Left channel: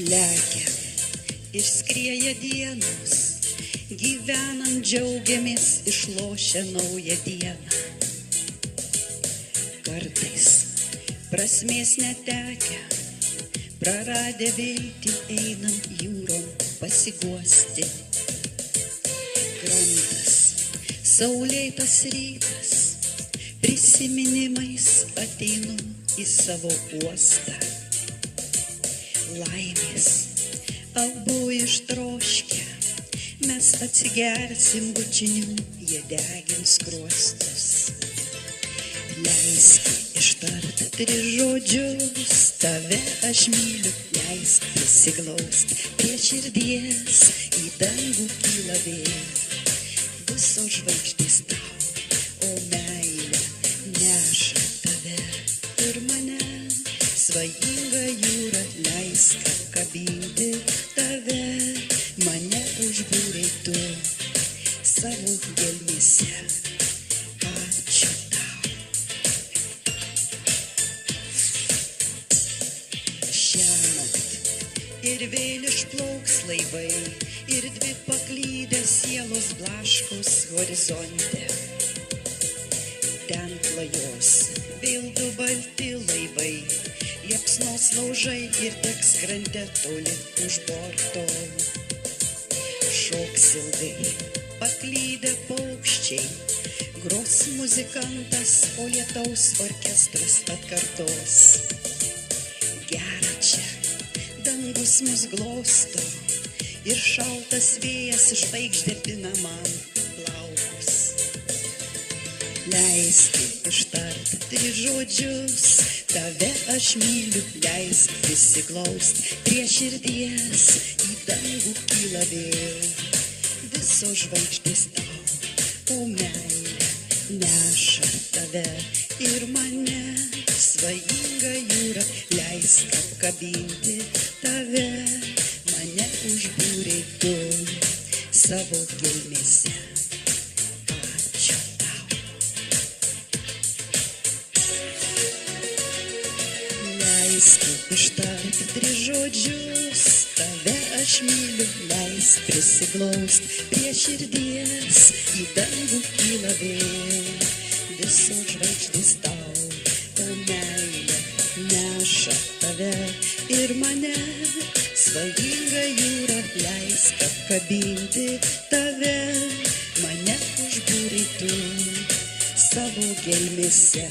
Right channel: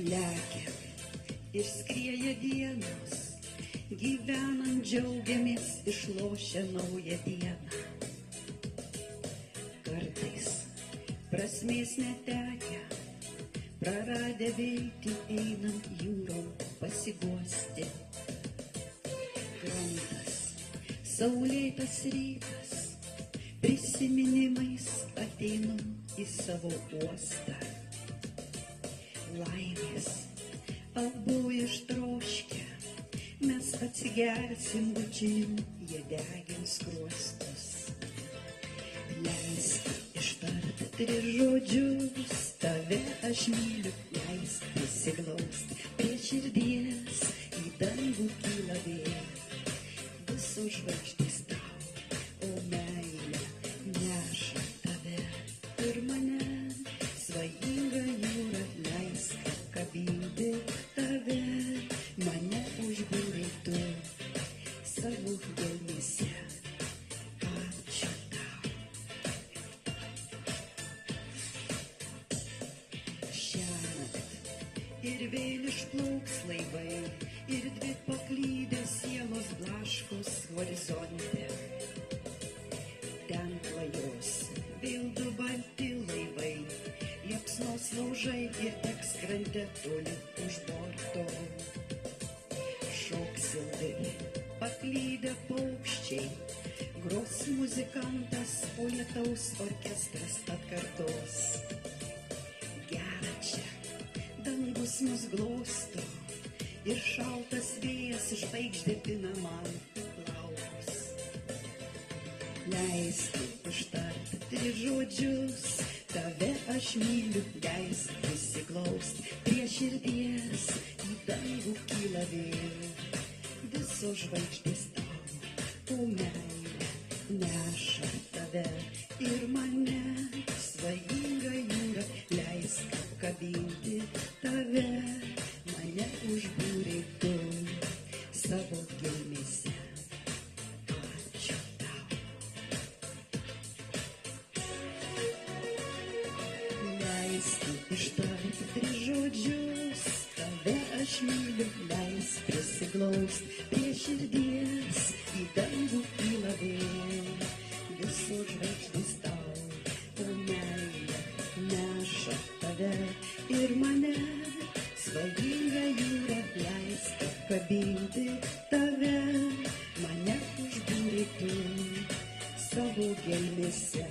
Lekia ir skrieja dienos, gyvenant džiaugiamės išlošę naują dieną. Kartais prasmės netekę, praradę viltį einam jūrom pasiguosti. Krantas, saulėtas rytas, prisiminimais ateinu į savo uostą. Laimės abu ištroškę, mes atsigersim bučinių, jie degins skruostus. Leisk ištart 3 žodžius, tave aš myliu, leisk prisiglaust prie širdies, į dangų kyla vėjas, visos žvaigždės tau, o meilė neša tave ir mane. Svajinga jūra, leisk apkabinti tave, mane užbūrei tu savo gelmėse. Ačiū tau. Šiąnakt ir vėl išplauks laivai, ir 2 paklydę sielos blaškos horizonte. Ten klajos vėl 2 balti laivai, liepsnos laužai ir teks krante toli už borto. Šoks ilgai paklydę paukščiai, gros muzikantas, o lietaus orkestras atkartos. Gera čia, dangus mus glosto ir šaltas vėjas žvaigždėtina man plaukus. Leisk ištart 3 žodžius, tave aš myliu, leisk prisiglaust prie širdies, į dangų kyla vėl visos žvaigždės tau, o meilė neša tave ir mane. Svajinga jūra, leisk apkabinti tave, mane užbūrei tu savo gelmėse. Ačiū tau. Leisk ištart 3 žodžius, tave aš myliu, leisk prisiglaust prie širdies, į dangų kyla vėl visos žvaigždės tau, o meilė neša tave ir mane. Svajinga jūra, leisk apkabinti tave, mane užbūrei tu savo gelmėse.